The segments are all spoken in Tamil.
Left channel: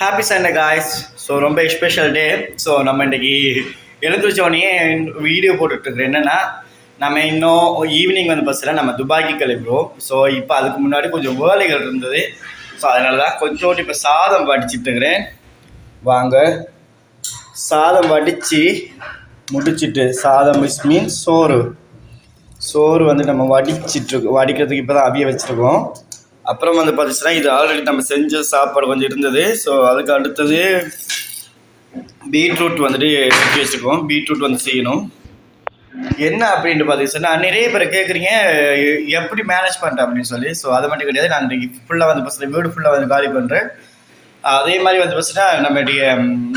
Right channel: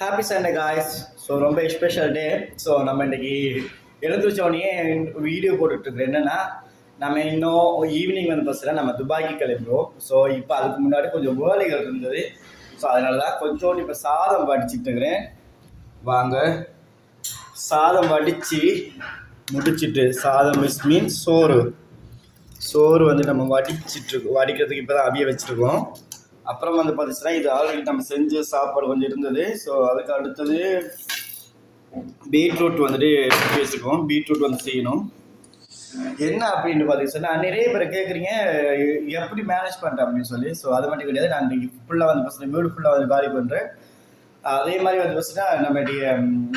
Happy Sunday guys. ஸோ ரொம்ப ஸ்பெஷல் டே. ஸோ நம்ம இன்றைக்கி எழுந்திரிச்சோடனே வீடியோ போட்டுட்ருக்குறோம். என்னென்னா நம்ம இன்னும் ஈவினிங் வந்து பஸ்ஸில் நம்ம துபாய்க்கு கிளம்புறோம். ஸோ இப்போ அதுக்கு முன்னாடி கொஞ்சம் வேலைகள் இருந்தது. ஸோ அதனால தான் கொஞ்சோண்டு இப்போ சாதம் வடிச்சிட்ருக்கிறேன். வாங்க, சாதம் வடித்து முடிச்சுட்டு, சாதம் மீன்ஸ் சோறு வந்து நம்ம வடிக்கிறதுக்கு இப்போ தான் அவிய வச்சுருக்கோம். அப்புறம் வந்து பார்த்துச்சுன்னா இது ஆல்ரெடி நம்ம செஞ்ச சாப்பாடு கொஞ்சம் இருந்தது. ஸோ அதுக்கு அடுத்தது பீட்ரூட் வந்துட்டு செஞ்சு வச்சுருக்கோம். பீட்ரூட் வந்து செய்யணும். என்ன அப்படின்ட்டு பார்த்துச்சுன்னா நிறைய பேர் கேட்குறீங்க எப்படி மேனேஜ் பண்ணுறேன் அப்படின்னு சொல்லி. ஸோ அதை மட்டும் கிடையாது, நான் இன்றைக்கி ஃபுல்லாக வந்து பஸ்ஸில் வீடு ஃபுல்லாக வந்து காலி பண்ணுறேன். அதே மாதிரி வந்து பார்த்தீங்கன்னா நம்மளுடைய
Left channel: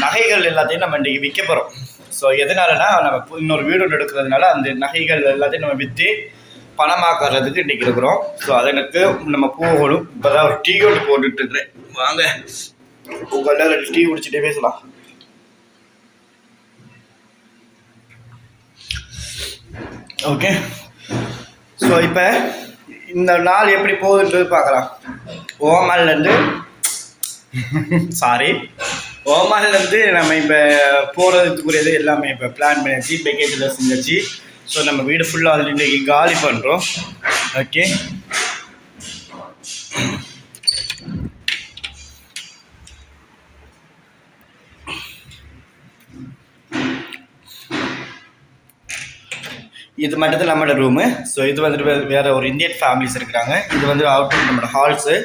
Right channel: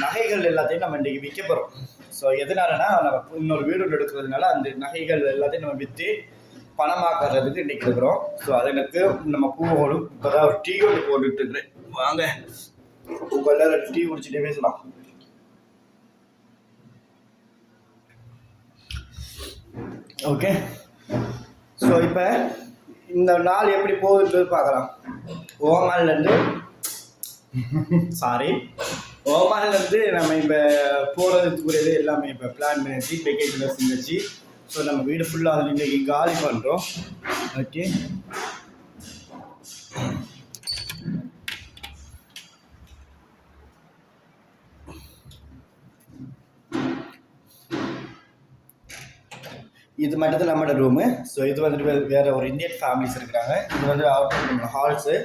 நகைகள் எல்லாத்தையும் நம்ம இன்றைக்கி விற்க போகிறோம். ஸோ எதனாலனா நம்ம இன்னொரு வீடு ஒன்று எடுக்கிறதுனால அந்த நகைகள் எல்லாத்தையும் நம்ம விற்று பணமாக்குறதுக்கு இன்றைக்கி இருக்கிறோம். ஸோ அதற்கு நம்ம போகணும். இப்போ தான் ஒரு டீ ஒன்று போட்டுட்ருக்குறேன். வாங்க, உங்கள்கிட்ட 2 டீ குடிச்சிட்டே பேசலாம். ஓகே, ஸோ இப்போ இந்த நாள் எப்படி போகுதுன்றது பார்க்கலாம். ஓமான்லேருந்து நம்ம இப்போ போகிறதுக்குரியது எல்லாமே இப்போ பிளான் பண்ணியாச்சு. பேக்கேஜில் செஞ்சாச்சு. ஸோ நம்ம வீடு ஃபுல்லாக வந்து இன்றைக்கி காலி பண்ணுறோம். ஓகே, இது மட்டும் நம்மளோட ரூமு. ஸோ இது வந்துட்டு வேறு ஒரு இந்தியன் ஃபேமிலிஸ் இருக்கிறாங்க. இது வந்து அவுட் நம்மளோட ஹால்ஸு.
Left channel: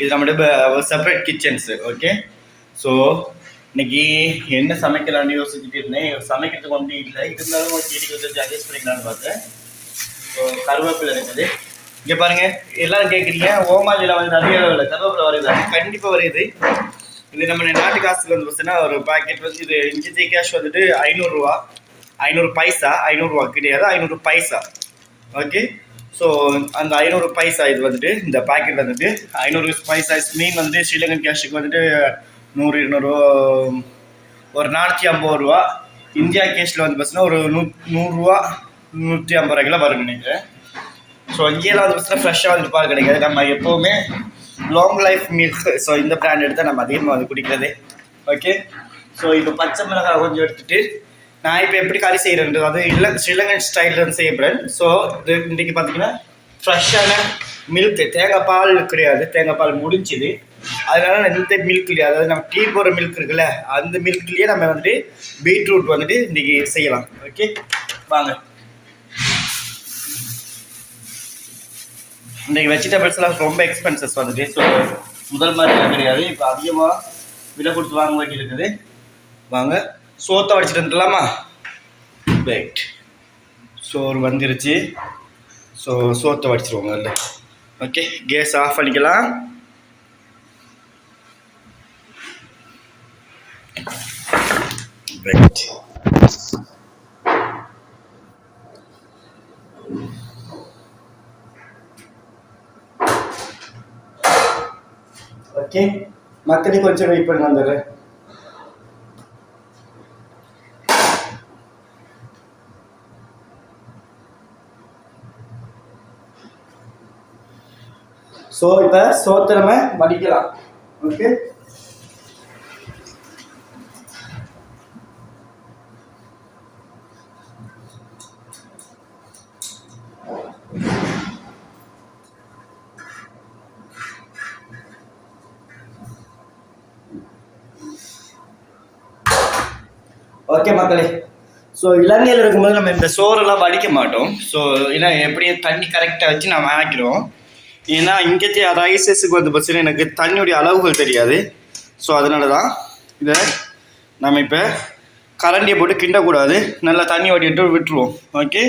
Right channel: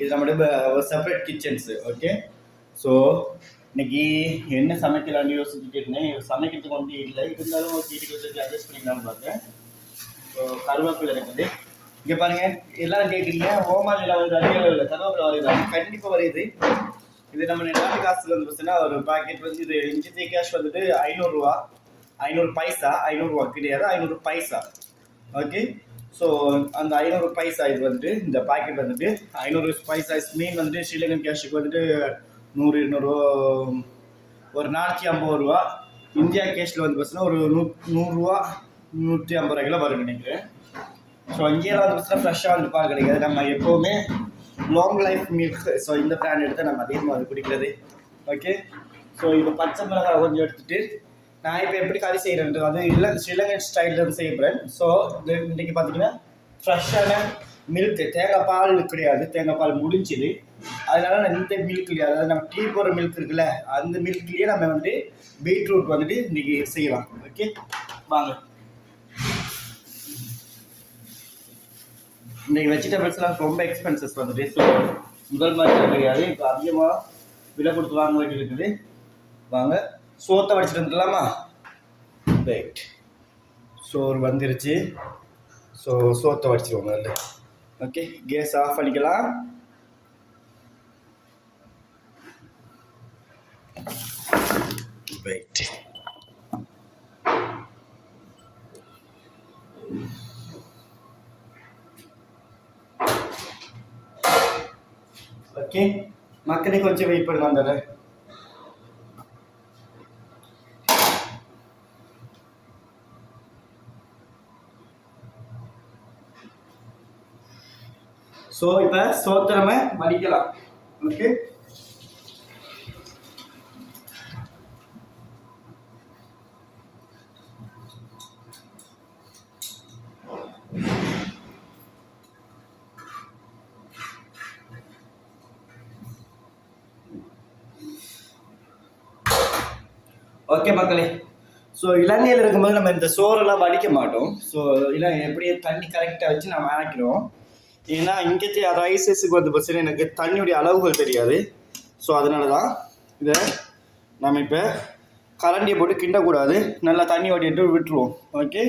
இது நம்மளோட செப்பரேட் கிச்சன்ஸு. ஓகே, ஸோ இன்றைக்கி என்ன சமைக்கலான்னு யோசிச்சுட்டு இருந்தேன். சமைக்கிறதுக்கு ஒன்றும் இல்லை, இருந்தாலும் வீட்டுக்கு வந்து அட்ஜஸ்ட் பண்ணிக்கலான்னு பார்த்தேன். ஸோ கருவேப்பிலை இருக்குது. இங்கே பாருங்கள், எல்லோரும் கேட்குறீங்க ஓமாலியில் வந்து நிறைய அளவில் கருவேப்பிலை வருது. கண்டிப்பாக வருது. இது நம்ம நாட்டு காசுக்கு வந்து பார்த்தீங்கன்னா ஒரு பேக்கெட் வந்து இது இஞ்சி கேஷ் வந்துட்டு 500 ரூபா, 500 பைசா. 500 ரூபா கிடையாது, 500 பைசா. ஓகே, ஸோ அந்த 500 பைசா இது வந்துட்டு இந்த பேக்கெட் வந்துட்டு 500 பைசா மீன் வந்துட்டு ஸ்ரீலங்கன் கேஷுக்கு வந்துட்டு 100, 200, ஒரு 450 ரூபா. இந்தியா கேஷில் வந்து பார்த்தீங்கன்னா ஒரு 100 ரூபா, 150 ரூபாய்க்குலாம் வரும் நினைக்கிறேன். ஸோ இங்கேயெல்லாம் வந்து பார்த்தீங்கன்னா ஃப்ரெஷ்ஷாக வந்து பால் கிடைக்காது. நம்ம எப்போவுமே லாங் லைஃப் மில்க், ஸோ இந்த பிராண்ட் எடுத்தால் நம்ம அதிகமாக வந்து குடிக்கிறது. ஓகே, ஸோ இப்போ பச்சை மிளகாய் கொஞ்சம் எடுத்துகிட்டு நான் இப்போ எப்படி கறி செய்கிறேன்றது அது இல்லை ஸ்ரீலங்கன் ஸ்டைலில் வந்து செய்யப்படுறேன். ஸோ இது இன்றைக்கி பார்த்திங்கன்னா ஃப்ரெஷ்ஷான மில்க்கு, தேங்காய் பால் கிடையாது, தேங்காய் பால் முடிஞ்சுது. அதனால இந்த மில்க் இல்லையா, அதாவது நம்ம டீ போடுற மில்க் இருக்குல்ல, அந்த மில்க்லேயே நம்ம வந்துட்டு பீட்ரூட் வந்துட்டு இன்றைக்கி செய்யலாம். ஓகே, வாங்க. இன்றைக்கி வெஜிடபிள்ஸ்லாம் ரொம்ப எக்ஸ்பென்சஸ் வந்துட்டு. ஸோ முதல் மாதிரி கிடையாது, இப்போ அதிகமாக விலை கொடுத்து வாங்க வேண்டி இருக்குது. வாங்க, சோத்தை வடிச்சிட்டு வந்துடலாமா? ரைட், சோறு வந்துருச்சு. ஸோ சோத்தை வடிச்சிருவோங்க இல்லை. ஓகே, கேஸ் ஆஃப் பண்ணிக்கலாம். ரைட், ஓகே மக்களே, கொஞ்சம் வெயிட் பண்ணி வந்துடுறேன். ஸோ இப்போ சோத்தை நம்ம வடிக்கலாம். ஓகே, ஓகே மக்களே. ஸோ இலங்கையில் இருக்கும்போது நம்ம இந்த சோறெல்லாம் வடிக்க மாட்டோம். ஸோ ஏன்னா எப்படி தண்ணி கரெக்டாக வச்சு நம்ம ஆக்கிடுவோம். ஏன்னா இங்கே ரைஸஸுக்கு வந்து பார்த்தீங்கன்னா எனக்கு தண்ணியுடைய அளவுகள் தெரியாது. ஸோ அதனால தான் இதை நம்ம இப்போ கரண்டியை போட்டு கிண்டக்கூடாது, நல்லா தண்ணி வடிட்டு விட்டுருவோம். ஓகே,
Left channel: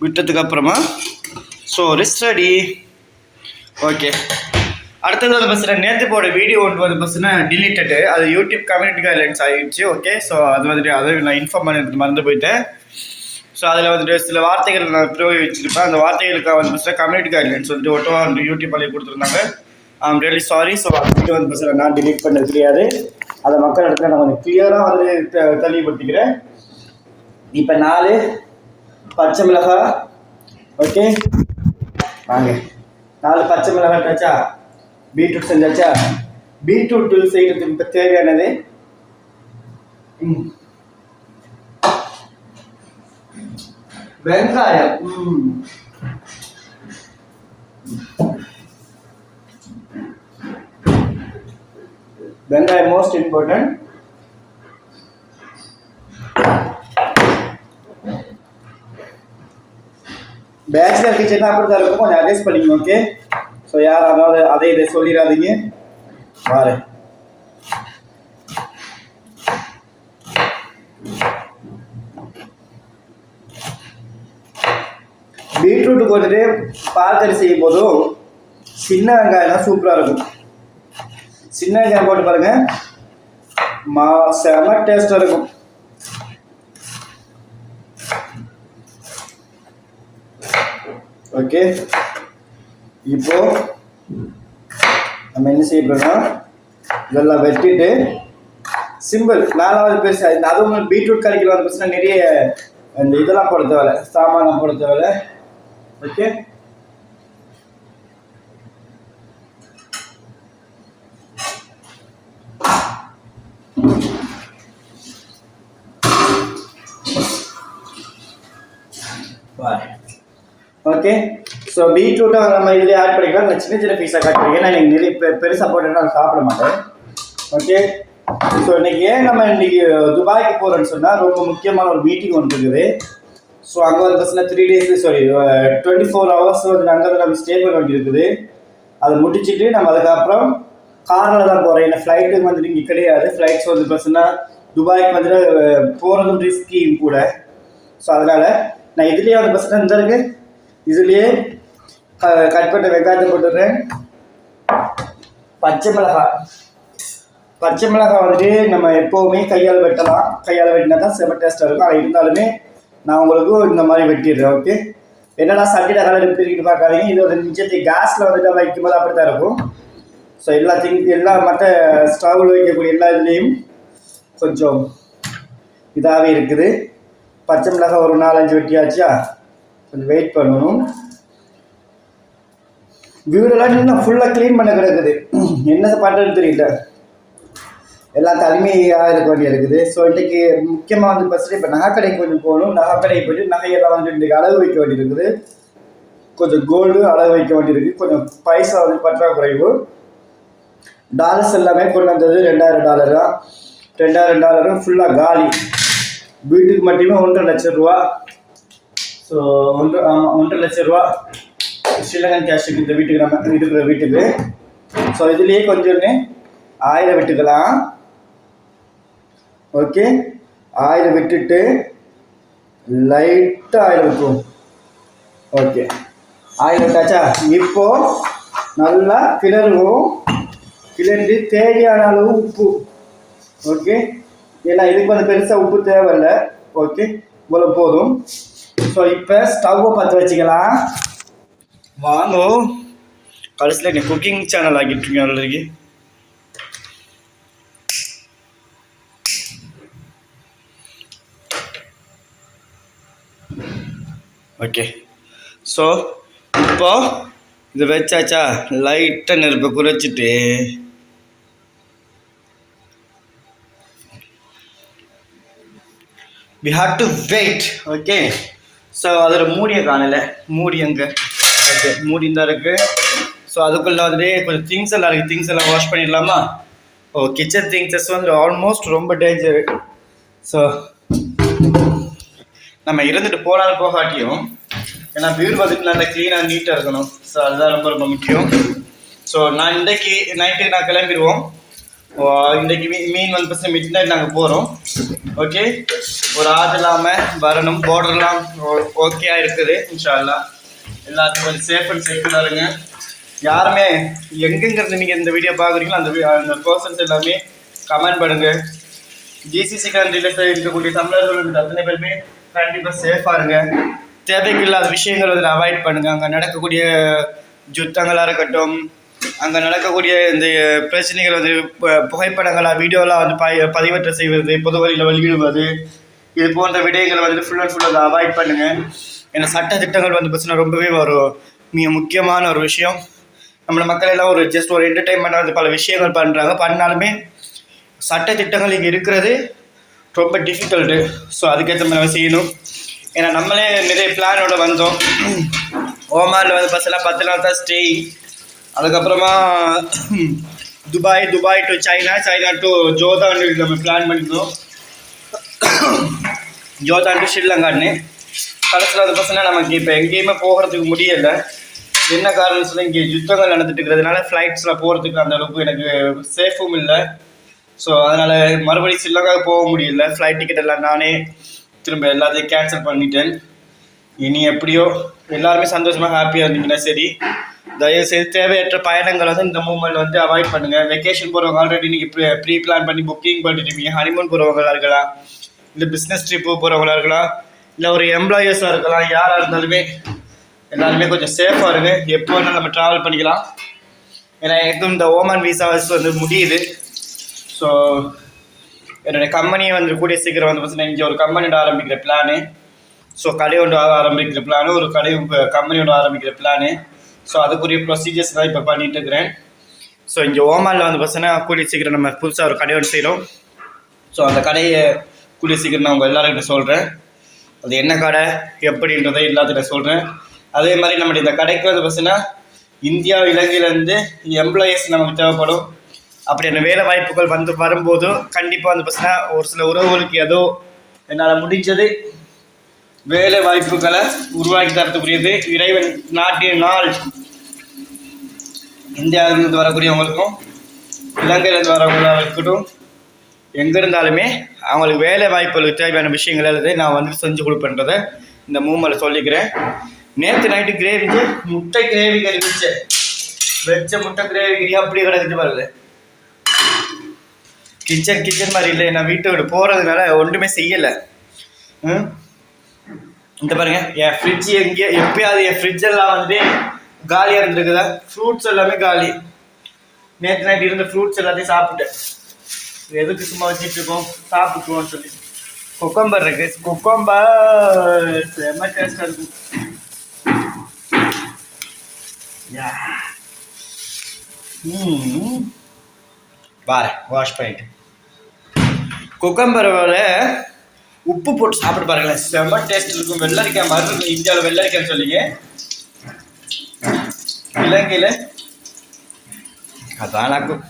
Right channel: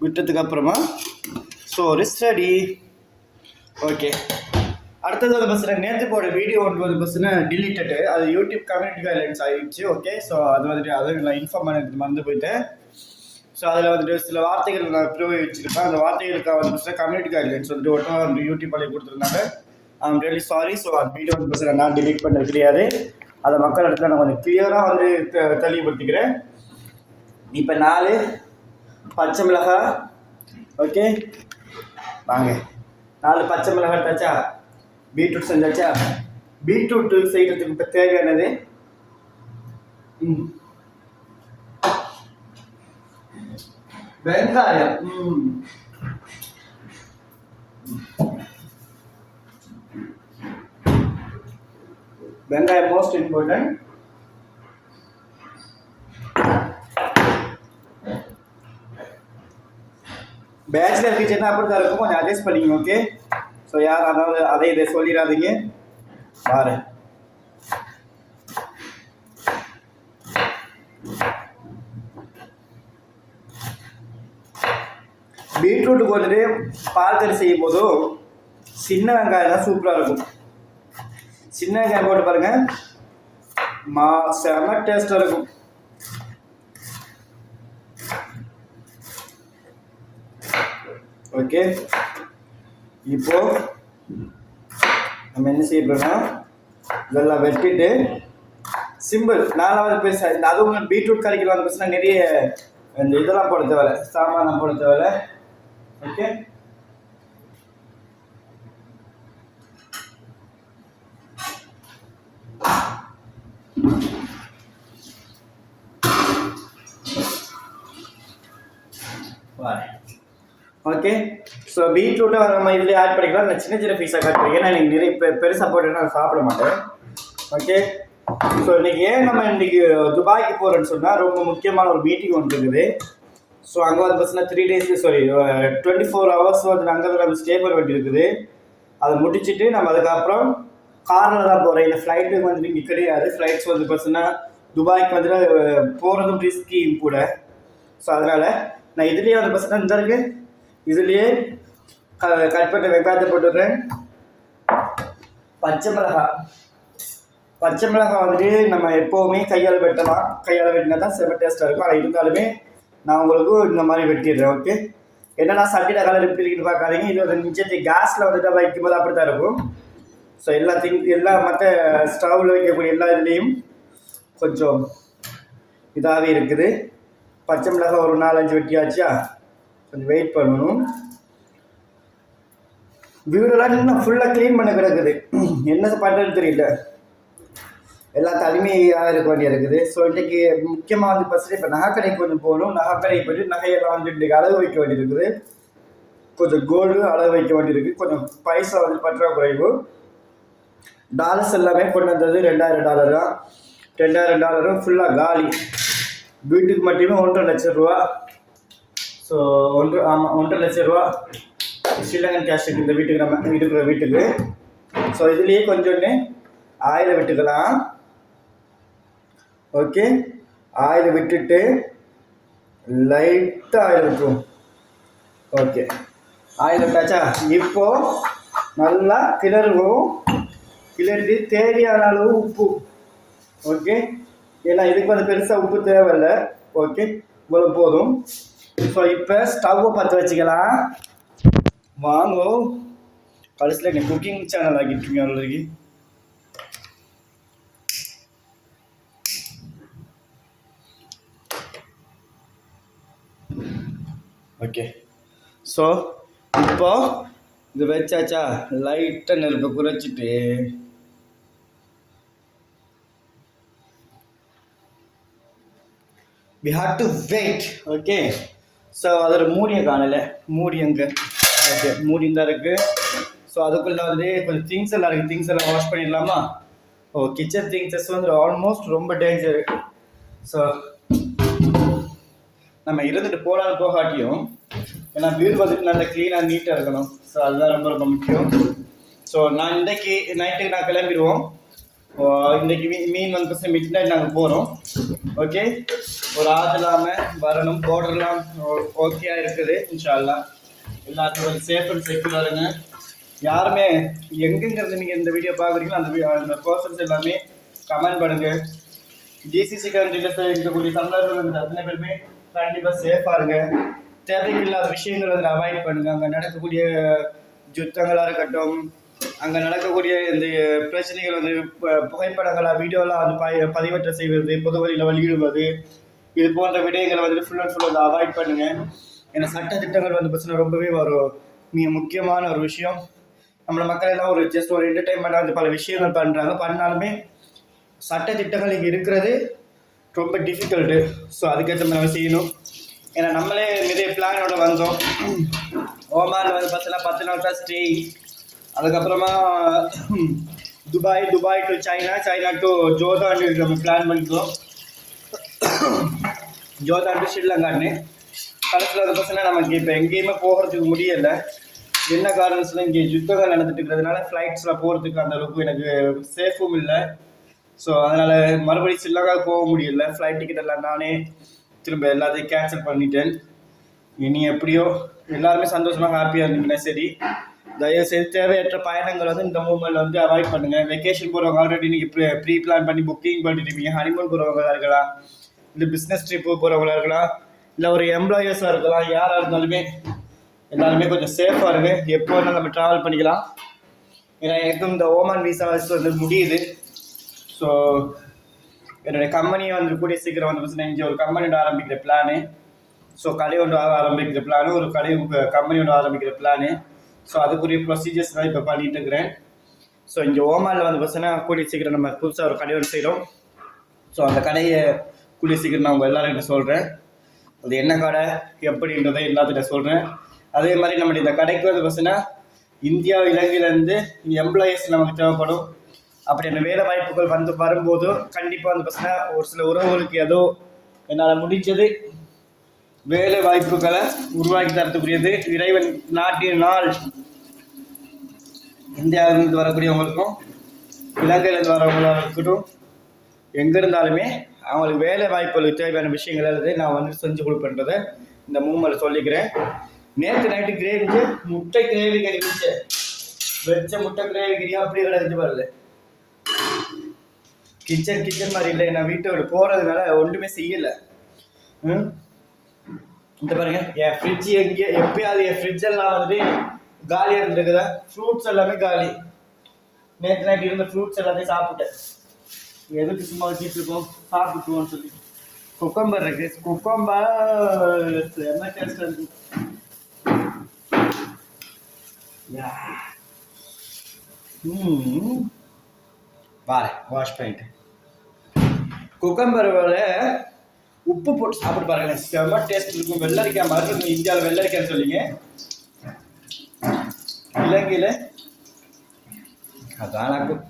விட்டதுக்கப்புறமா சோறு ரெடி. ஓகே, அடுத்தது வந்து பார்த்தீங்கன்னா நேற்று போட வீடியோ ஒன்று வந்து பார்த்தீங்கன்னா டிலீட்டடு, அது யூடியூப் கம்யூனிட்டி கைட்லைன்ஸ் ஆகிடுச்சு. ஓகே, ஸோ அது வந்துட்டு அதை நான் இன்ஃபார்ம் பண்ணிட்டு மறந்து போயிட்டேன். ஸோ அதில் வந்துட்டு சில வார்த்தைகள் நான் பிரயோகிச்சிருப்பேன். அந்த வார்த்தைகளுக்காக வந்து பார்த்தீங்கன்னா கம்யூனிட்டி கைட்லைன்ஸ் வந்துட்டு ஒட்டோ யூடியூப் பண்ணி கொடுத்துருந்தாங்க. I'm really sorry. ஸோ அந்த வீடியோ வந்து பார்த்தீங்கன்னா நான் டிலீட் பண்ணது கிடையாது. அதை மக்கள் இடத்துல நான் கொஞ்சம் கிளியராக வந்து தெளிவுபடுத்திக்கிறேன். இப்போ 4 பச்சை மிளகாய். ஓகே, வாங்க, 4 பச்சை மிளகாய் வச்சா பீட்ரூட் செஞ்சாச்சா. பீட்ரூட் செய்யறதுக்கு இப்போ தேவையானது வெங்காயம். வெங்காயம் மோஸ்ட் இம்பார்ட்டன்ட். பேச்சுலர் கிச்சன் அப்படிதான் இருக்கும், கொஞ்சம் அட்ஜஸ்ட் பண்ணிக்கணும். ஓகே, ஸோ யார் அதாவது அதை இதை சொல்லிடாதீங்க. பாரு பீட்ரூட்டுக்கு வந்துட்டு பால்கறி செய்யும் போதும் சின்ன வெங்காயம் தான் சூப்பராக இருக்கும். சின்ன வெங்காயம் போட்டு பாருங்க, செம டேஸ்டாக இருக்கும். ஓகே, இப்போ நம்ம என்ன செய்ய போறோம், நல்லா வெட்டிட்டு சிம்பிள் 4வது பேச. அதுவும் பீட்ரூட் கறிக்கு வந்து பேசினா நிறைய இந்த இதெல்லாம் போட தேவையில்ல, சாமான் போட தேவையில்ல. Okay, okay. ஸோ பீட்ரூட்டை நம்ம இதில் ஆட் பண்ணிக்கலாம். நான் சின்ன சின்ன பீஸாக கட் பண்ணிக்கிறேன். நான் எனக்கு நிறைய பெருசாக போட்டு நான் சாப்பிட மாட்டேன். ஓகே, ஸோ இன்றைக்கி ஏன் நம்ம இன்றைக்கி துபாய்க்கு போகிறோன்னு சொன்னால் ரொம்ப முக்கியமான ஒரு மீட்டிங் ஒன்று இருக்குது. ஸோ அங்கே வந்து பார்த்தீங்கன்னா 3 days 24 hours வந்து அங்கே நம்ம ஸ்டே பண்ண வேண்டி இருக்குது. அதை முடிச்சுட்டு நம்ம அதுக்கப்புறம் காரில் தான் போகிறோம். ஏன்னா ஃப்ளைட்டுக்கு வந்துட்டு இங்கே கிடையாது. ஃப்ளைட்ஸ் வந்து பார்த்தீங்கன்னா துபாய்க்கு வந்துட்டு போகிறதும் ரிஸ்கியும் கூட. ஸோ அதனால் நான் இதுலேயே வந்து பார்த்தீங்கன்னா இந்த இருக்கு, இதுலேயே கட் பண்ண வெங்காயத்தை போட்டுறேன். பச்சை மிளகாய் வந்துட்டு நம்ம எப்போவுமே கையால் வெட்டலாம். கையால் வெட்டினா தான் செம டேஸ்ட்டாக இருக்கும். ஆனால் இருந்தாலுமே நான் உங்களுக்கு இந்த மாதிரி வெட்டிடுறேன். ஓகே, என்னடா சட்டியில் கலர் பிரிக்கிட்டு பார்க்காதீங்க. இது ஒரு நிச்சயத்தை கேஸில் வந்துட்டு நம்ம வைக்கும்போது அப்படி தான் இருக்கும். ஸோ எல்லா மற்ற ஸ்டவ்வில் வைக்கக்கூடிய எல்லா இதுலேயும் கொஞ்சம் இதாகவே இருக்குது. பச்சை மிளகாய் ஒரு 4-5 வெட்டியாச்சா, கொஞ்சம் வெயிட் பண்ணணும். வீடெல்லாம் இன்னும் ஃபுல்லாக க்ளீன் பண்ண கிடக்குது. என்ன பண்ணுறதுன்னு தெரியல, எல்லாம் தனிமையாக இருக்க வேண்டிய இருக்குது. ஸோ இன்றைக்கி முக்கியமாக வந்து ஃபஸ்ட்டு இப்போ நகைக்கடைக்கு கொஞ்சம் போகணும். நகைக்கடைக்கு போய்ட்டு நகையெல்லாம் வந்து இன்றைக்கி அளவு வைக்க வேண்டியிருக்குது. கொஞ்சம் கோல்டு அளவு வைக்க வேண்டியிருக்கு. கொஞ்சம் பைசா வந்து பற்றாக்குறைவு. டாலர்ஸ் எல்லாமே கொண்டு வந்தது $2000 தான். $2000 ஃபுல்லாக காலி. வீட்டுக்கு மட்டுமே 1.5 லட்சம் ரூபா. ஸோ 1.5 லட்சம் ரூபா ஸ்ரீலங்கன் கேஷுக்கு இந்த வீட்டுக்கு நம்ம இருக்கிற வீட்டுக்கு. ஸோ இதுலேயே கொஞ்சம் 1000 விட்டுக்கலாம். ஓகே, 1000 விட்டுட்டு லைட்டாக 1000 விட்டுரும். ஓகே, 1000 விட்டாச்சா. இப்போ நல்லா கிளறுவோம். கிளறி தேவையான அளவு உப்பு. ஓகே, ஏன்னா இதுக்கு வந்து பெருசாக உப்பு தேவையில்லை. ஓகே, இவ்வளோ போதும். ஸோ இப்போ ஸ்டவ்வை பற்ற வச்சுக்கலாம். வாங்க, கடைசியில் நீ குக்கிங் சேனல் ஆகிட்டுருக்கீங்க ஆல்ரெடி. ஓகே, ஸோ இப்போ இது வச்சாச்சா, லைட்டாக நெருப்பை குறைச்சிட்டு we have to wait. Okay, so அதில் மூடியை காணலை. மூடி எங்கே? ஓகே, மூடி தான் இருக்குது. ஸோ அதுக்குள்ளே வந்து கொஞ்சம் திங்ஸ் எல்லாம் இருக்குது. திங்ஸ் எல்லாம் வாஷ் பண்ணிடலாமா? கிச்சன் திங்ஸஸ் வந்து ஆல்மோஸ்ட் ரொம்ப டேஞ்சரு. ஸோ நம்ம இருந்துட்டு போனாலும் போகாட்டியும், ஏன்னா வீடு வந்துட்டு நல்லா க்ளீனாக நீட்டாக இருக்கணும். ஸோ அதுதான் ரொம்ப ரொம்ப முக்கியம். ஸோ நான் இன்றைக்கி நைட்டு நான் கிளம்பிடுவோம். இன்றைக்கி மீன் வந்து மிட் நைட் நாங்கள் போகிறோம். ஓகே, ஒரு ஆறு இல்லாமல் வரணும். பார்டர்லாம் ஓகேயா இருக்குது. இன்ஷா அல்லாஹ் எல்லாத்துக்கும் கொஞ்சம் சேஃப் அண்ட் செக்யூராக இருங்க. யாருமே எங்கெங்கிறது நீங்கள் இந்த வீடியோ பார்க்குறீங்களோ அந்த பர்சன்ஸ் எல்லாமே கமெண்ட் பண்ணுங்கள். ஜிசிசி கண்ட்ரியில் இருக்கக்கூடிய தமிழர்கள் அத்தனை பேருமே கண்டிப்பாக சேஃபாக இருங்க. தேவைக்கில்லாத விஷயங்கள் வந்து அவாய்ட் பண்ணுங்கள். அங்கே நடக்கக்கூடிய யுத்தங்களாக இருக்கட்டும், அங்கே நடக்கக்கூடிய இந்த பிரச்சனைகள் வந்து புகைப்படங்களாக வீடியோலாம் வந்து பதிவேற்ற செய்வது, பொது வழியில் வெளியிடுவது, இது போன்ற விடயங்களை வந்துட்டு ஃபுல் அண்ட் ஃபுல் அதை அவாய்ட் பண்ணுங்கள். ஏன்னா சட்ட திட்டங்கள் வந்து பார்த்தீங்கன்னா ரொம்பவே ஒரு மிக முக்கியமான ஒரு விஷயம். நம்ம மக்கள் எல்லாம் ஒரு ஜஸ்ட் ஒரு என்டர்டைன்மெண்ட் வந்து பல விஷயங்கள் பண்ணுறாங்க. பண்ணாலுமே சட்ட திட்டங்கள் இங்கே இருக்கிறது ரொம்ப டிஃபிகல்ட்டு. ஸோ அதுக்கேற்ற மாதிரி செய்யணும். ஏன்னா நம்மளே நிறைய பிளானோட வந்தோம். ஓமானில் வந்து பஸ்ஸெல்லாம் 10 நாள் தான் ஸ்டே. அதுக்கப்புறமா Dubai to China to Jordan நம்ம பிளான் பண்ணியிருந்தோம். ஜோர்தான் டு ஸ்ரீலங்கான்னு. கடைசியில் வந்து பார்த்தீங்கன்னா நமக்கு இப்போ எங்கேயுமே போகிறதுக்கு முடியலை. என்ன காரணம் சொன்னால் இங்கே யுத்தங்கள் நடந்துட்டு இருக்கிறதுனால ஃப்ளைட்ஸில் போகிறதுக்கு அந்த அளவுக்கு எனக்கு சேஃபும் இல்லை. ஸோ அதனால் மறுபடியும் ஸ்ரீலங்காவுக்கு போக முடியல. ஃப்ளைட் டிக்கெட் எல்லாம் நானே திரும்ப எல்லாத்தையும் கேன்சல் பண்ணிட்டேன். இனி எப்படியோ எல்லாருமே சந்தோஷமாக ஹாப்பியாக இருந்தீங்கன்னா சரி. தயவுசெய்து தேவையற்ற பயணங்கள் வந்து இந்த மூமெண்ட் வந்து அவாய்ட் பண்ணுங்கள். வெக்கேஷன் போகிறவங்க ஆல்ரெடி நீங்கள் ப்ரீ பிளான் பண்ணி புக்கிங் பண்ணிட்டுருப்பீங்க. ஹனிமூன் போகிறவங்களா இருக்கலாம், இல்லை பிஸ்னஸ் ட்ரிப்பு போகிறவங்களா இருக்கலாம், இல்லை ஒரு எம்ப்ளாயர்ஸாக இருக்கலாம். யாராக இருந்தாலுமே எல்லாருமே கொஞ்சம் சேஃபாக இருங்க. எப்போ வேணாலும் நம்ம ட்ராவல் பண்ணிக்கலாம். ஏன்னா எனக்கும் இந்த ஓமான் விசா வந்து முடியுது. ஸோ என்னுடைய கம்பெனியை வந்து கூடிய சீக்கிரம் வந்து பார்த்தீங்கன்னா இங்கே ஒரு கம்பெனியோட ஆரம்பிக்கிற பிளானு. ஸோ கடையோட ஆரம்பிக்கிற பிளானு, ஒரு கம்பெனியோட ஆரம்பிக்கிற பிளானு. ஸோ அதுக்குரிய ப்ரொசீஜர்ஸ் தான் இப்போ பண்ணிட்டு இருக்கிறேன். ஸோ இங்கே ஓமானில் வந்து பார்த்தீங்கன்னா கூடிய சீக்கிரம் நம்ம புதுசாக ஒரு கடையோடு செய்கிறோம். ஸோ அந்த கடையை கூடிய சீக்கிரம் நான் உங்கள் எல்லாரும் சொல்கிறேன். அது என்ன கடை எப்படின்றதை எல்லாத்தையும் சொல்கிறேன். அதே மாதிரி நம்மளுடைய இந்த கடைக்கு வந்து பார்த்தீங்கன்னா இந்தியா இலங்கையிலேருந்து எம்ப்ளாயீஸ் நமக்கு தேவைப்படும். அப்படியான வேலை வாய்ப்புகள் வந்து வரும்போது கண்டிப்பாக வந்து பார்த்தீங்கன்னா ஒரு சில உறவுகளுக்கு ஏதோ என்னால் முடிஞ்சது வேலை வாய்ப்புகளை உருவாக்கி தரத்துக்குரியது இறைவன் நாள். இந்தியாவிலிருந்து வரக்கூடியவங்களுக்கும் இலங்கையிலேருந்து வரவங்களாக இருக்கட்டும், எங்கே இருந்தாலுமே அவங்களுக்கு வேலை வாய்ப்புகளுக்கு தேவையான விஷயங்கள் எல்லாத்தையும் நான் வந்து செஞ்சு கொடுப்பேன்றதை இந்த மூமெண்ட்டில் சொல்லிக்கிறேன். நேற்று நைட்டு கிரேவிக்கு முட்டை கிரேவி கறி வச்ச முட்டை கிரேவி கறி அப்படி கிடக்குது பாருங்க. கிச்சன் மாதிரி இல்லை. நான் வீட்டை விட்டு போகிறதுனால ஒன்றுமே செய்யலை. இந்த பாருங்க, என் ஃப்ரிட்ஜ் எப்பயாவது என் ஃப்ரிட்ஜெல்லாம் வந்து காலியாக இருந்துருக்குதா. ஃப்ரூட்ஸ் எல்லாமே காலி. நேற்று நைட்டு இருந்த ஃப்ரூட்ஸ் எல்லாத்தையும் சாப்பிட்டேன். எதுக்கு சும்மா வச்சுட்டு இருக்கோம், சாப்பிட்டுருவோம்னு சொல்லி. கொக்கம்பர் இருக்கு. கொக்கம்பர் செம்ம டேஸ்டாக இருக்கும். வாஷ் பண்ணிட்டு கொக்கம்பரோட உப்பு போட்டு சாப்பிட்டு பாருங்களேன், செம்ம டேஸ்ட் இருக்கும். வெள்ளரிக்காய் மாதிரி இருக்கும். இந்தியாவில் வெள்ளரிக்காய்ன்னு சொல்லிங்க, இலங்கையில் அதான் இருக்கும்.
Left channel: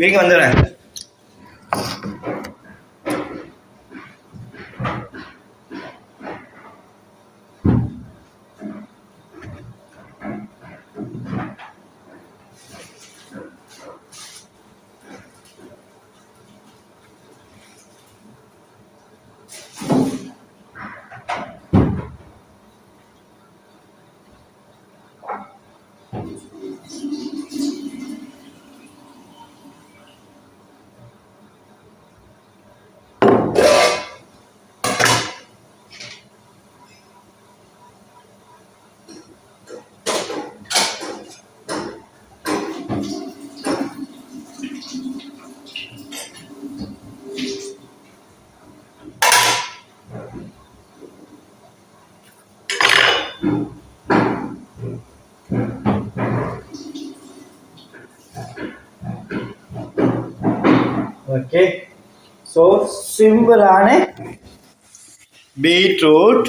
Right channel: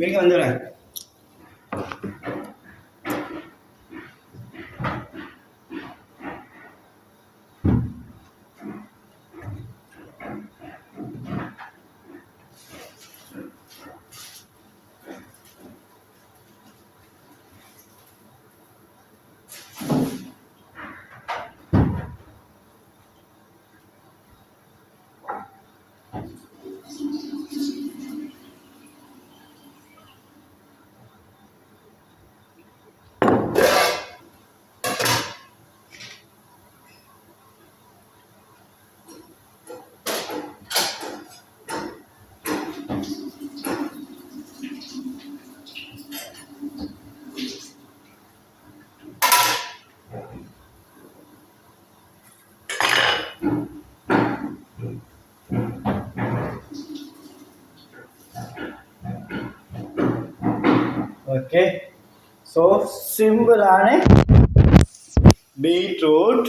வீங்க வந்துடுறேன். ஓகே, ஸோ சிம்பிளான பீட்ரூட்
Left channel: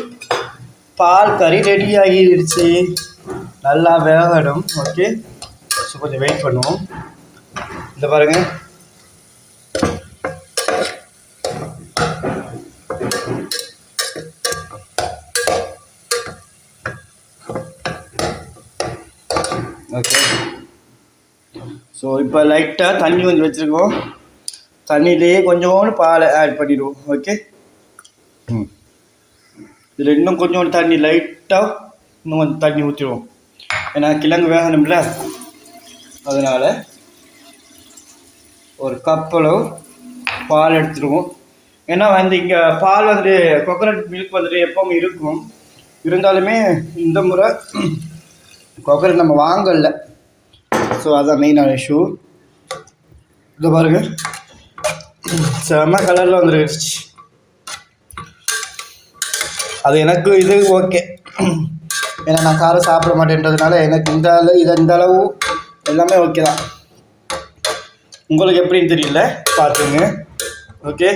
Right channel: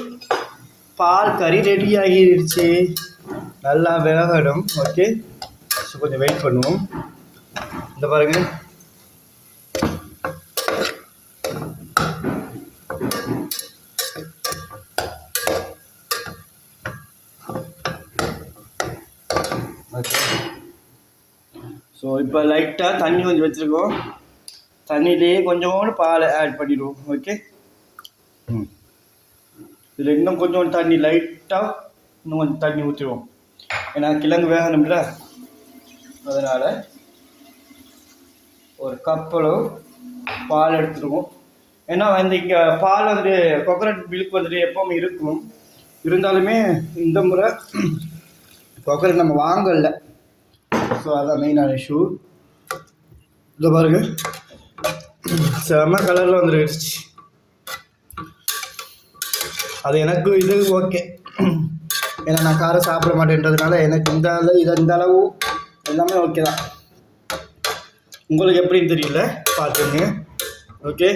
பால் கறி ரெடி ஆகிடுச்சு. நல்லா வேகணும். ஓகே, ஸோ கொஞ்சம் வெயிட் பண்ணுவோம். இந்த பாருங்க, ஓகே. ஸோ இப்போ லைட்டாக தண்ணி கொஞ்சம் வச்சுருக்கோம். தண்ணியிலேயே கொஞ்சோண்டு பாலை ஆட் பண்ணிடுவோம். ஓகே, இதில் இன்னும் கொஞ்சோண்டு தண்ணி லைட்டாக இன்னும் கொஞ்சம் தண்ணி ஊற்றிடுவோம். ஏன்னா கிழங்கு வேகணும்ல, அதனால் ஒரு கப்பளவு பால் எடுத்துடுவோம். ஏன்னா வந்து இங்கே பால் வந்து கோகோனட் மில்க் வந்துட்டு எப்பவும் இருக்கும். இருந்தாலுமே இந்த முறை கோகோனட் நம்ம வாங்கல. ஸோ அதுதான் மெயினான இஷ்யூ. இதை பாருங்க, செம்ம கலரில் வந்துருச்சு. அது எனக்கு இது ஓகே. ஏன்னா நான் காரம் சாப்பிட மாட்டேன்றதுனால எனக்கு இந்த அளவு எல்லாமே ஓகே தான். உங்களுக்கு எப்படின்னு தெரியல, பார்த்துங்க. ஓகே.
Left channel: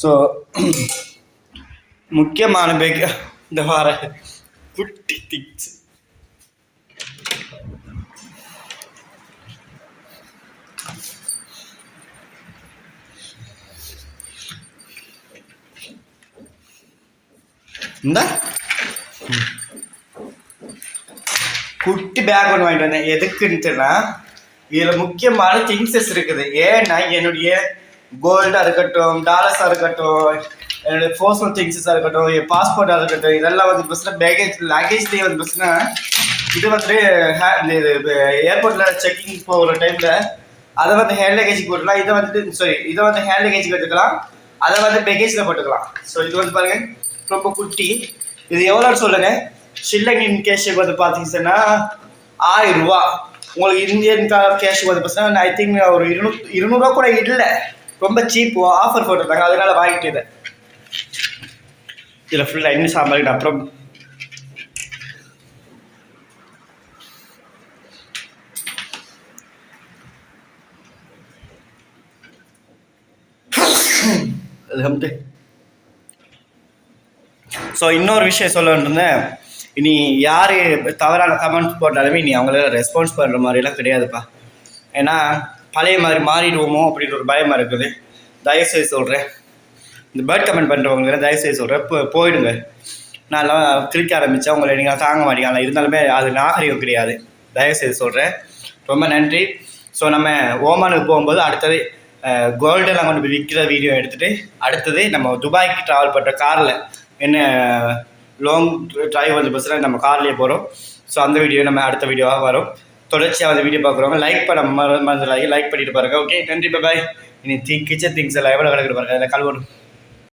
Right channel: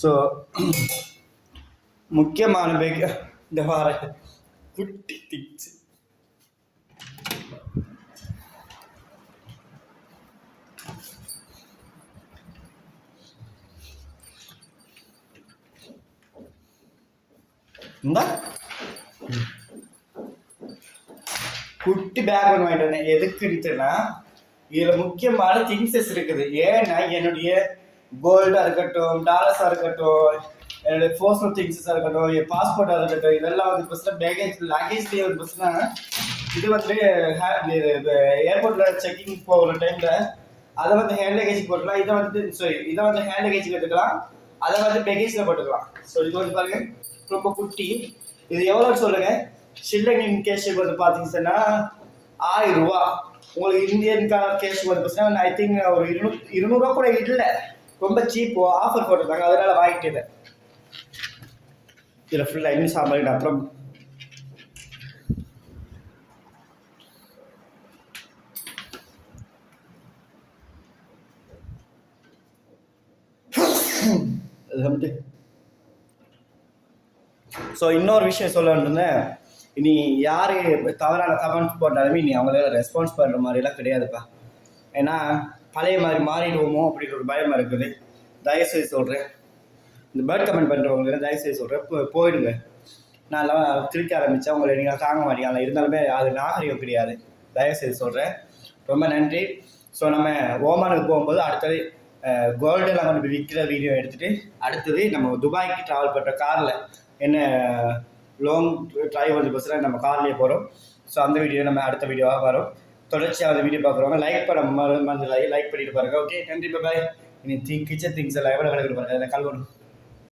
ஸோ முக்கியமான பேக் இந்த வார குட்டி திக்ஸ். இந்த குட்டி பேக் ஒன்று வாங்கிட்டு வந்தேன். எதுக்குன்ட்டுனா இதில் முக்கியமான திங்ஸஸ் இருக்குது. ஏன்னா என்னுடைய கோல்டாக இருக்கட்டும், டாலர்ஸாக இருக்கட்டும், என்னுடைய பர்சனல் திங்ஸஸாக இருக்கட்டும், என் பாஸ்போர்ட்டாக இருக்கட்டும், இதெல்லாம் வந்து பார்த்தீங்கன்னா லக்கேஜ்லேயே வந்து பார்த்தீங்கன்னா இது வந்து ஏர்போர்ட்டில் செக்கிங் போகிற டைமில் அதை வந்து ஹேண்ட் லக்கேஜ் போட்டுக்கலாம். இதை வந்து ஹேண்ட் லக்கேஜ் எடுத்துக்கலாம், அதை வந்து பேக்கேஜில் போட்டுக்கலாம். ஸோ இது வந்து பாருங்கள் ரொம்ப குட்டி. இது எவ்வளோன்னு சொல்லுங்கள். ஷில்லங்கின் கேஷ் வந்து பார்த்தீங்கன்னா 1000 ரூபா. உங்களுக்கு இந்தியன் கேஷ் வந்து பார்த்தீங்கன்னா ஐ திங்க் ஒரு 200 ரூபா கூட இல்லை, ரொம்ப சீப். ஆஃபர் போட்டிருந்தாங்க, அதனால வாங்கிட்டு. இதில் ஃபுல்லாக இன்னும் சாம்பார். அப்புறம் ஸோ இன்னொரு விஷயம் சொல்ல வேண்டியிருந்தேன். இனி யார் தவறான கமெண்ட்ஸ் போட்டாலுமே இனி அவங்களால ரெஸ்பான்ஸ் பண்ணுற மாதிரிலாம் கிடையாதுப்பா. ஏன்னா பழைய மாதிரி மாறிடுவோமோ அப்படின்ற ஒரு பயமாக இருக்குது. தயவுசெய்து சொல்கிறேன், இந்த பேர்ட் கமெண்ட் பண்ணுறவங்க தயவுசெய்து சொல்கிறேன், போயிடுங்க. நான்லாம் கிளிக்க ஆரம்பித்தேன், உங்களை நீங்கள் தாங்க மாட்டீங்க. இருந்தாலுமே அது நாகரிகம் கிடையாது. தயவுசெய்து சொல்கிறேன். ரொம்ப நன்றி. ஸோ நம்ம ஓமானுக்கு போகும்போது அடுத்தது கோல்டெல்லாம் கொண்டு போய் விற்கிற வீடியோ எடுத்துகிட்டு அடுத்தது நம்ம துபாய்க்கு ட்ராவல் பண்ணுற காரில் என்ன லாங் ட்ரைவ் வந்து பஸ்ஸில் நம்ம கார்லேயே போகிறோம். ஸோ அந்த வீடியோ நம்ம அடுத்த வீடியோவாக வரும். தொடர்ச்சியாக அந்த வீடியோ பார்க்குறவங்க லைக் பண்ண மறந்துடாதீங்க, லைக் பண்ணிட்டு பாருங்கள். ஓகே, நன்றி, பாய். இனி கிச்சன் திங்ஸ் எல்லாம் எவ்வளோ கிடக்குது பாருங்கள், அதில் கழுவணும்.